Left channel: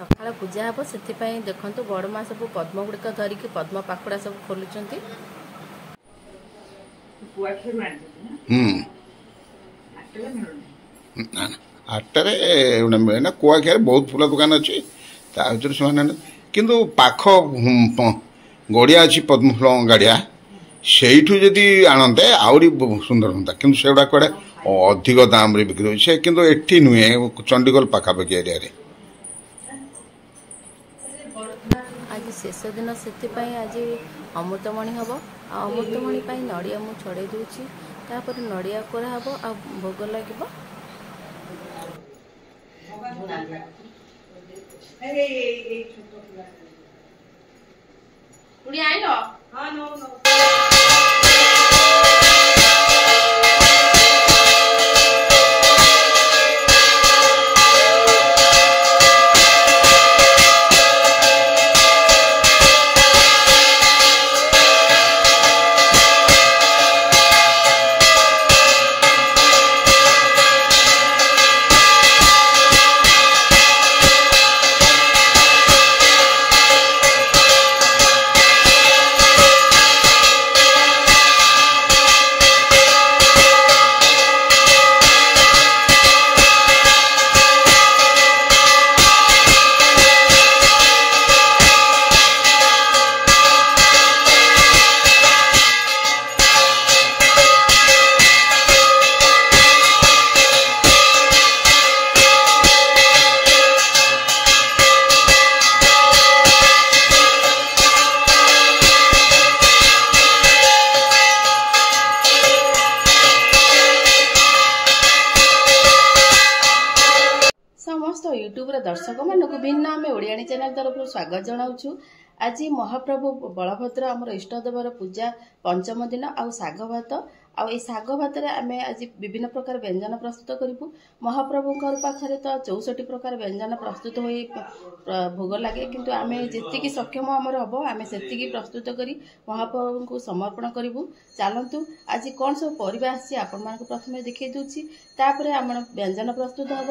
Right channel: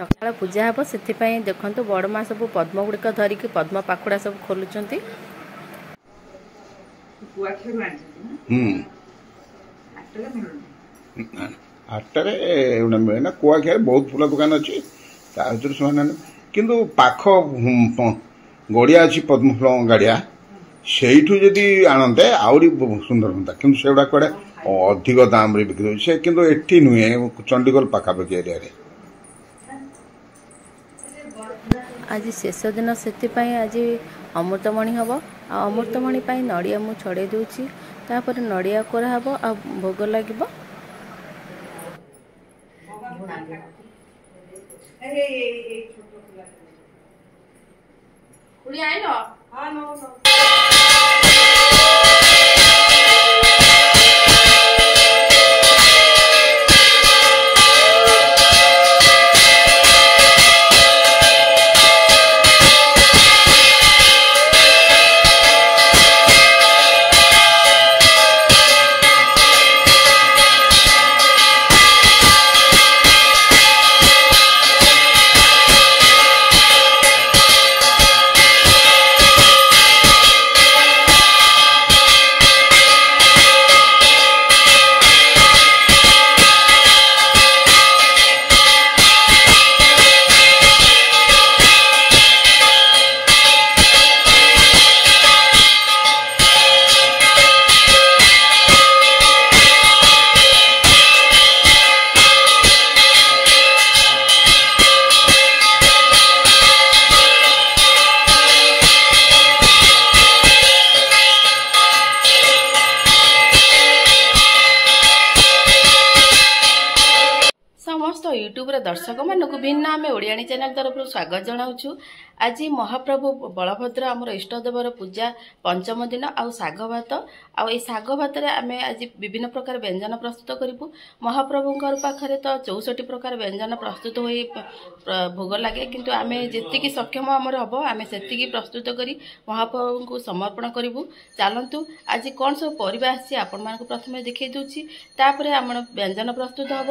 सकाळ पूजा हम से देखु बड़ माँ सब पद्म गुड़िक धरिकी पद्म पाखुड़ा सब खोलुंट आटरे मिले ना कुआखिया बहुत फूल दुकान अच्छी किंतु पाख गड़िया अच्छी पद्म फूल गाड़िया से आणते आहरी सुंदर हाँ कि सेगुड़ा कड़े अधिक दाम बिक्री हो किंतु एठी नुहे चंडीगढ़ पाखापाखि एरिया रे आज शेष दिन से आज अमृतमणि हम अमृतमणि नड़िया मु छड़े दूची तापर नड़िया कोरा हम आ भोग लगे समस्त यूट्यूब दर्शक मानक भिन्न आम ओडियाणी चैनल तरफ स्वागत जनाऊँ। आज महाप्रभु बलभद्र आमर इष्टदेवर पूजा पंचम दिन आउ साग भात आई साग भात आम आज विभिन्न प्रकार व्यंजन प्रस्तुत करूँ। महाप्रभु पाखे तो 64 प्रकार व्यंजन प्रस्तुत हो भोग लगे किंतु आम जी सक्षम आमर हम आम से प्रस्तुत कर महाप्रभु को समर्पण करूँ। चलतु आज कौन सब परिवा आसी आपण मानक प्रथम देखी दूची तापर आम व्यंजन प्रस्तुत हम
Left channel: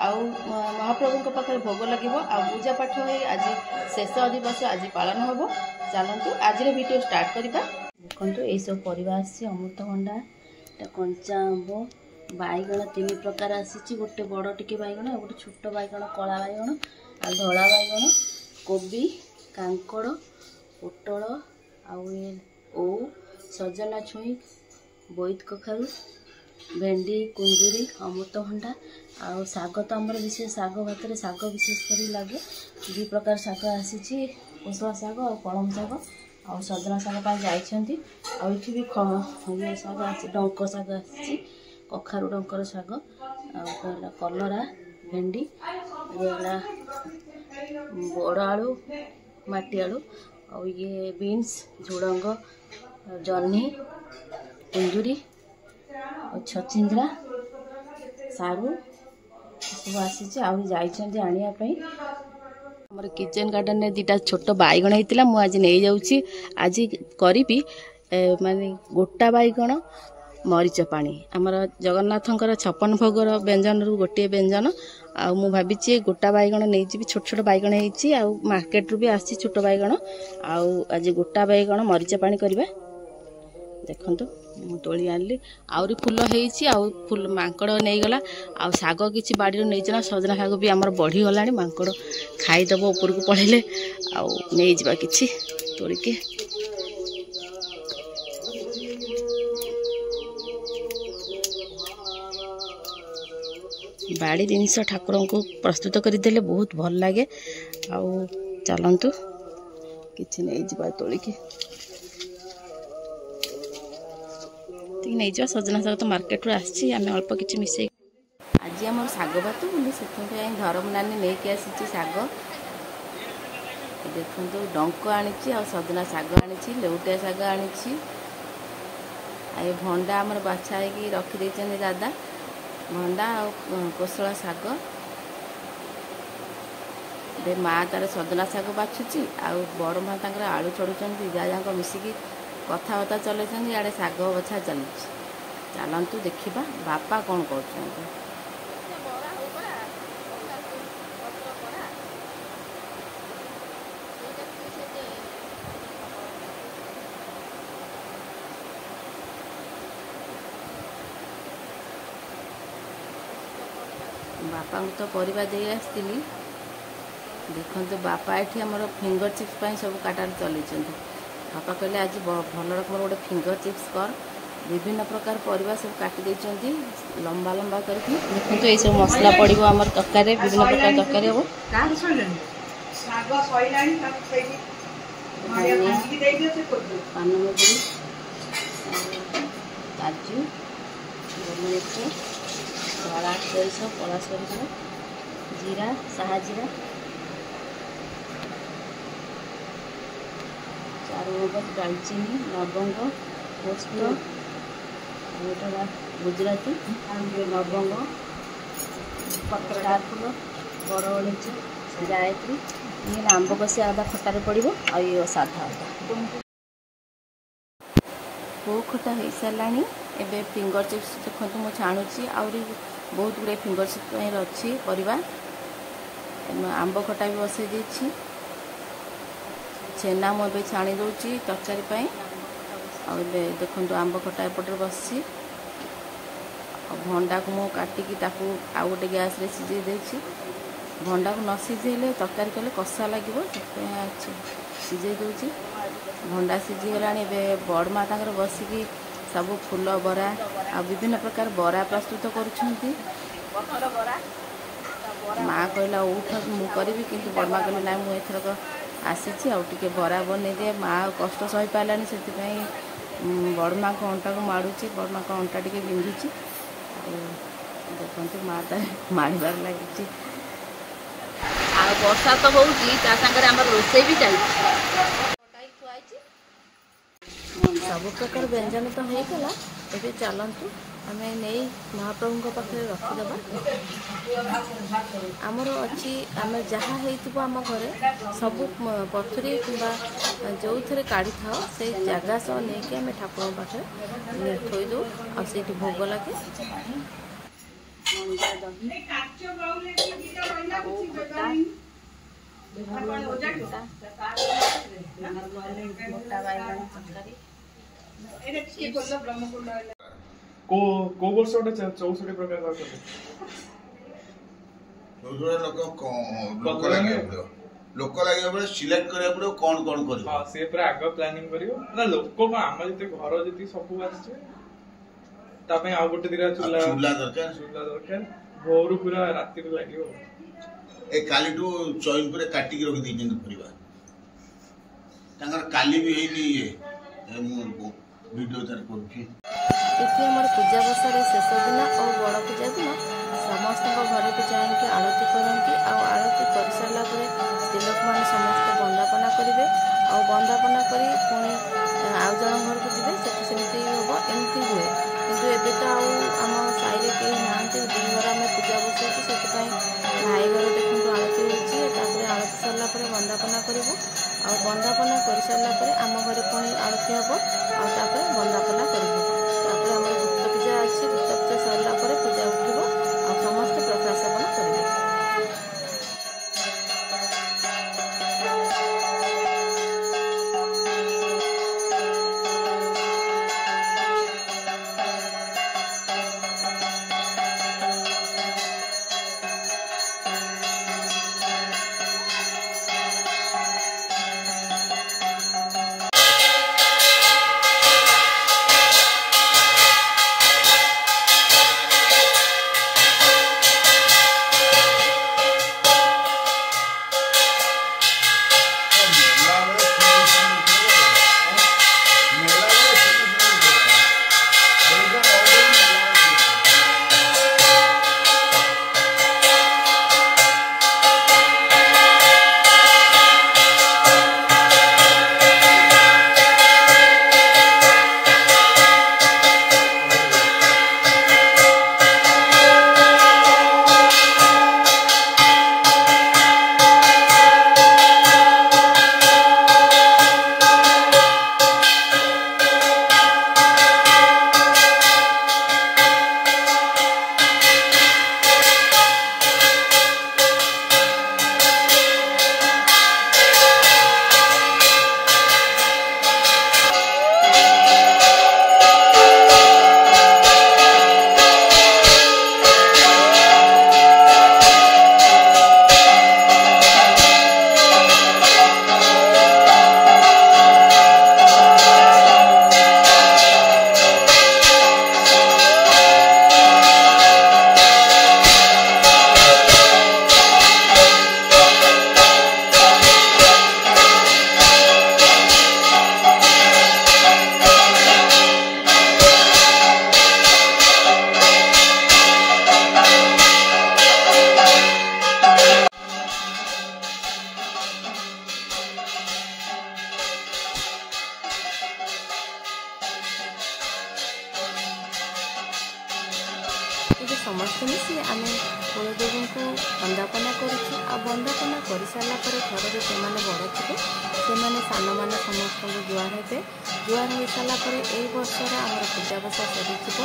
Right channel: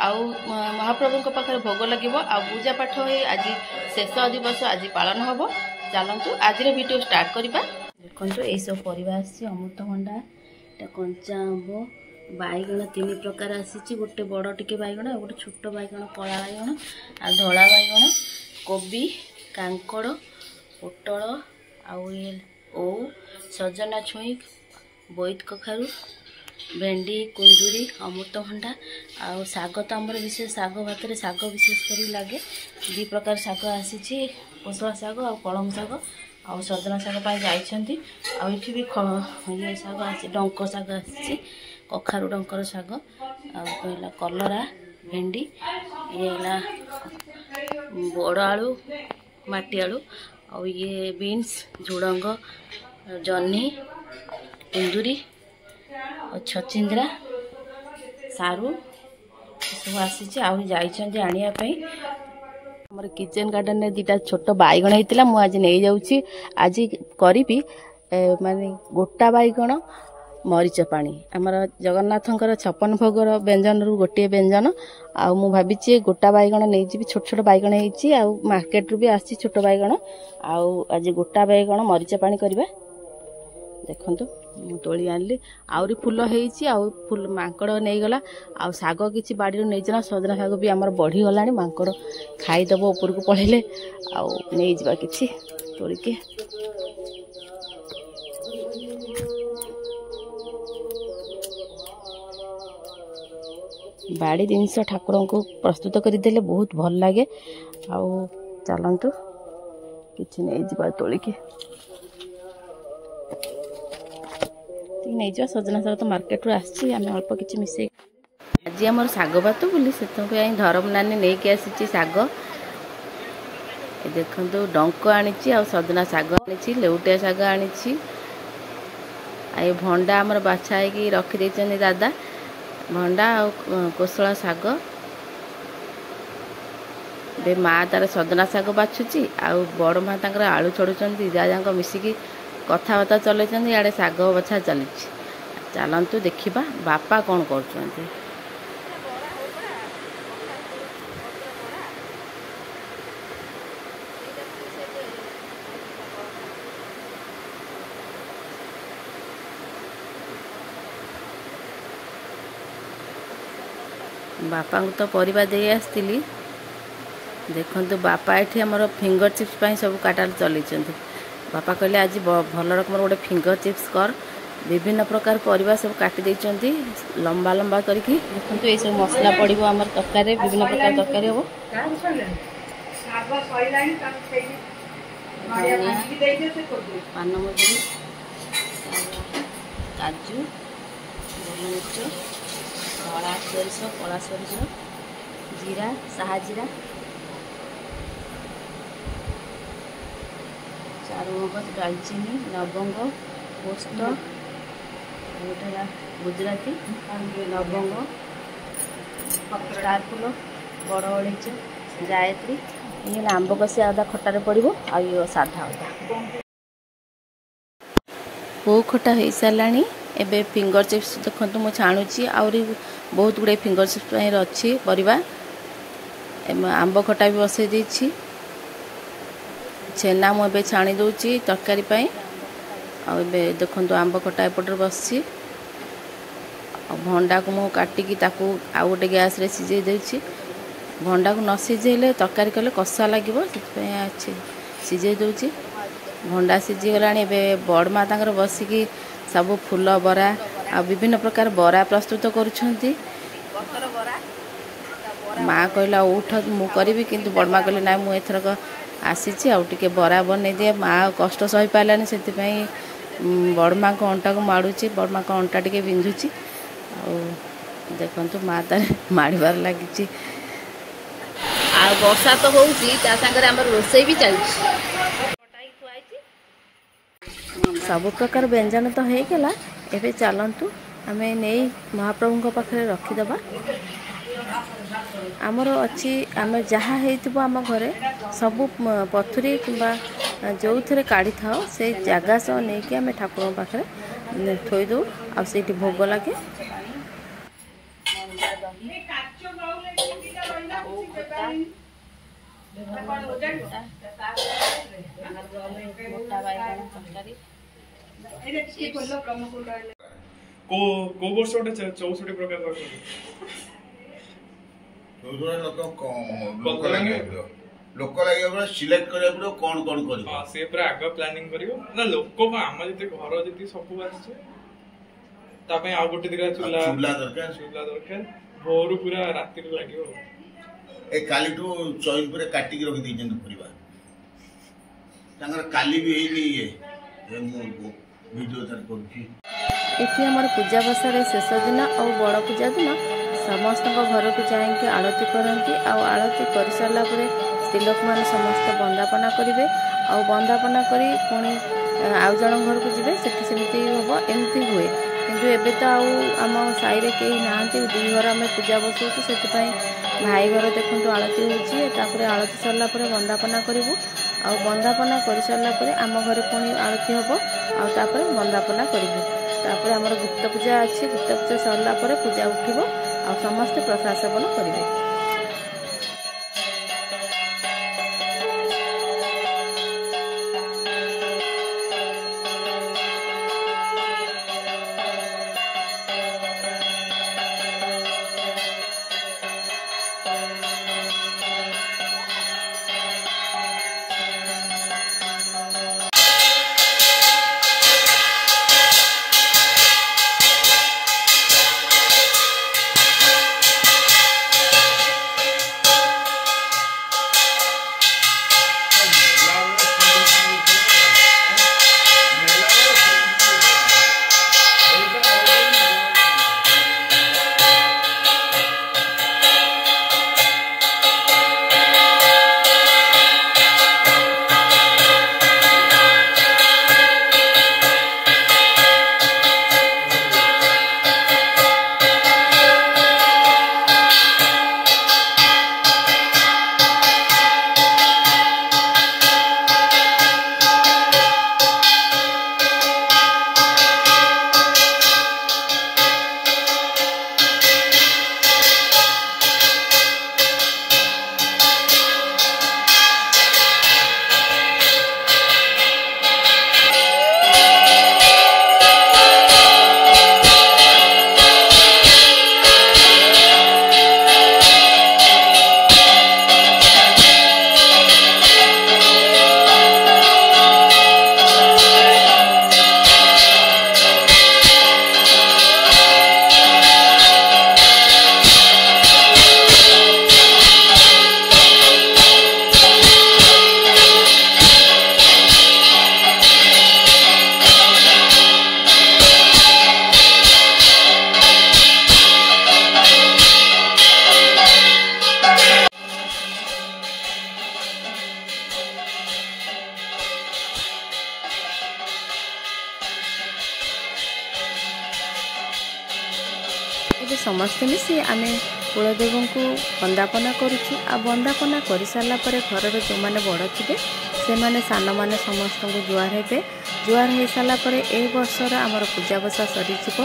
आउ महाप्रभु पाखे भोग लगे आ पूजा पाठ हो आज शेष दिवस आज पालन हम। चलतु आज वीडियो स्टार्ट करवा। देखो ये सब परिवा आसी अमृतभंडा कंचा आंब बैगण 3 प्रकार आसी गोटे बड़ टिके बैगण गोटे छोट बैगण कला बैगण आ धला बैगण कोबी कांकड़ पोटल आउ सजना छुई बोईत कखारू भेंडी कुंदुरी अमृतभंडा आउ साग तो आमर विशेष साग भात साग विशेष कर लगे 2 प्रकार साग आसी कोसला साग आ कलम साग आ सजना साग जाइछंती आ इठी भी ये साग आसी डंक साग आसी कखारू डंकर साग आ कहला कलरा भेंडी ये बड़ आलू माटी आलू आ ये बीन्स झुडंग जन्नी कुंदुरी छचिंद्रा सारू सब आसी आने आम किचन गार्डन में 2टा छोट बैगण होता मुझे नहीं जाऊँगी आज करी माने गोटा बैगण मरीच पानी आमर जगन्नाथंकर 56 भोगर व्यंजन रु गोटे व्यंजन आ मु भावी गोटा बैगण नहीं जी छोट छोट बैगण होती मार्केट रू भी आसी छोट बैगण आज गोटा बैगण मरीच पानी करवा। देखु मु तोली आनली आउरी फूल होईची आउ फूल मांकड़ नहीं गला आ साग किछि बाड़ी नहीं जना सजना साग भी आमर बढ़ी गलानी मांकड़ खाईदेव ऊपर को पड़े आउ नहीं जिबा किछि तोलिके बाड़ी जिनस ठाकुर को प्रस्तुत करदेले बहुत भल लगे आउ चलतु किछि नहीं जिबा तोलिके नहीं जा सजना साग तो मार्केट रू आसी आम अल्प किसी मिसे आज आम साग भात बोली से धर्म नानी नहीं कि आसी साग देखो डंक आनी सजना साग आनी लेउटिया साग आनी आ भंडा आमर बाछा है रखी दादा भंडा आ कोसला साग बे माँ तार सजना साग बाछुची आ बड़ माँ तांकर आलू छड़ुचंती जा मिसिकी कथबार्ता चलते इे शाग बछा चली। चलतु देखा बापा कौन कर बापा को तो परिवा दे आसती देखु बापा ये आमर फिंगर चिप्स सब काटा चलते बापा कहले आज भल रकम गोटे फिंगर चिप्स कर विभिन्न प्रकार परिवा सब काटी देइचंती लंबा लंबा करके देखो ये सब मसला पड़ो आम तरकारी विभिन्न प्रकार तरकारी हम पानमधुरी काजू गोलमरिच धड़ा सोरिष कला सोरिष जीरा साहा जीरा चारुमगज दालचीनी लवंग पोस्त गुजराती लवंग स्टार फूल बड़ अड़ेच गायत्री ये आंब कषि अदा खटार पड़ो आ साधा अदा पो खटा हो सारा एबे फिंगर चिप्स देखो मुझे छाणुची आहरी बहुत गुड़े फिंगर चिप्स अच्छी परिवा आंब खटा भी बसई देछि छेना मुझे छाणी दूची तरकारी आबे देखो आंब खटा एपटे बसी भंडा को मुझे काटिकी आउ गोटे गैस रे सीझे देछि भंडा को न सीझेले तरकारी कले कषा लगे सीझे दूची भंडा सीझीगला बड़मा तांकर बसिकी सब फूल बरा आ विभिन्न प्रकार बरा प्रस्तुत करुछंती माँ कहला उठ मु करी किंतु बड़मा कहले ना मु एथरक आसी आउटे बरा बन दिए माँ कष्ट सही पारानी से बड़मा को अंटा को माड़ुची बड़मा को अंटा टे बिंधुची देखु माँ तार माड़बार लगी वर्षा तो होगी रोसई भी चलती सब प्रकार व्यंजन तो होगला एबे चलतु आम नहीं महाप्रभु पाखे रखीदबा आमर अच्छी आम जहाँ आम घरे सबू पथुरी कि जो थे काढ़ी था से जगह सह नहीं कि आम ठाकुर पाखे थोईदे आ भोग लगे को वर्ष गोटे 64 प्रकार लोक लगे सिलेक्ट करा पड़ो कौन कौन कर से पूरा आग प्लानिंग करियो ना लोक आम जति घर जति सब आछे तापे आ गोटे दिगा चूल्हा दरकार भोर पूरा राति रे लागियो ए काली टू चॉइल पूरे काटी के रखी दी परिवा तांगर काली भी हेनी ये वीडियो तार करूची इति हमर पूजा बसार शेष दिन और बड़ पूजा दिन समस्त घर को जाइए आरती करती आरती कर सारा स्त्री लोक मैंने समस्त बंदापना करेंगे और बंदापना कर पुणी आउ जन घर को जी सेमती हम एमती हुए किंतु एबे तो आम साई कहीं ना दुई घर आम पूजा बसाऊँ से भाई घर देखो आरती होती आरती सरला बंदापना करूँ आ बंदापना कर सारापर आम घर पुणी आरती हम आपर बंदापना करूँ तापर आम गुप्त पूजा अच्छी गुप्त पूजा सरला पूजा उठब आ समस्ते प्रसाद सेवन करेंगे। ଏବେ ସମସ୍ତେ ମିଶି ଆମେ କୁଳଦେବଙ୍କୁ ବନ୍ଦାପନା କରୁଛୁ। ଆଉ ବନ୍ଦାପନା କରିସାରିଲା ପରେ ଘରର ଯେଉଁମାନେ ବଡ଼ ଥିବେ ସେମାନେ ସାନମାନେ ସମସ୍ତଙ୍କୁ ଜୁହାର ହେବେ। ଜୁହାର ହୋଇସାରିଲା ପରେ ଏହି ବର୍ଷର ଆମର ପୂଜା ବସା ସରିଯିବ।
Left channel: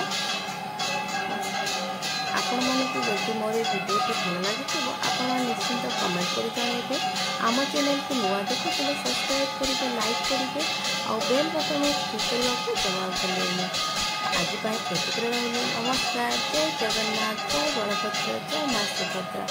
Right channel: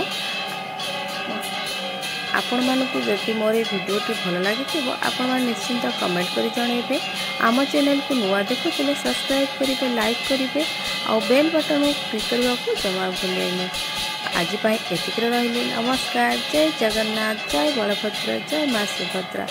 ଆପଣମାନଙ୍କୁ ଯଦି ମୋର এই ଭିଡ଼ିଓଟି ଭଲ ଲାଗିଥିବ ଆପଣମାନେ ନିଶ୍ଚିନ୍ତ କମେଣ୍ଟ କରି ଜଣାଇବେ। ଆମ ଚ୍ୟାନେଲକୁ ନୂଆ ଦେଖୁଥିଲେ ସବସ୍କ୍ରାଇବ୍ କରିବେ, ଲାଇକ୍ କରିବେ ଆଉ ବେଲ୍ ବଟନ୍ କ୍ଲିକ୍ କରିବାକୁ ଜମା ଭୁଲିବେନି। ଆଜି ପାଇଁ ଏତିକିରେ ରହିଲି। ନମସ୍କାର। ଜୟ ଜଗନ୍ନାଥ, ଜୟ ବଳଭଦ୍ର, ଜୟ ମା ସୁଭଦ୍ରା।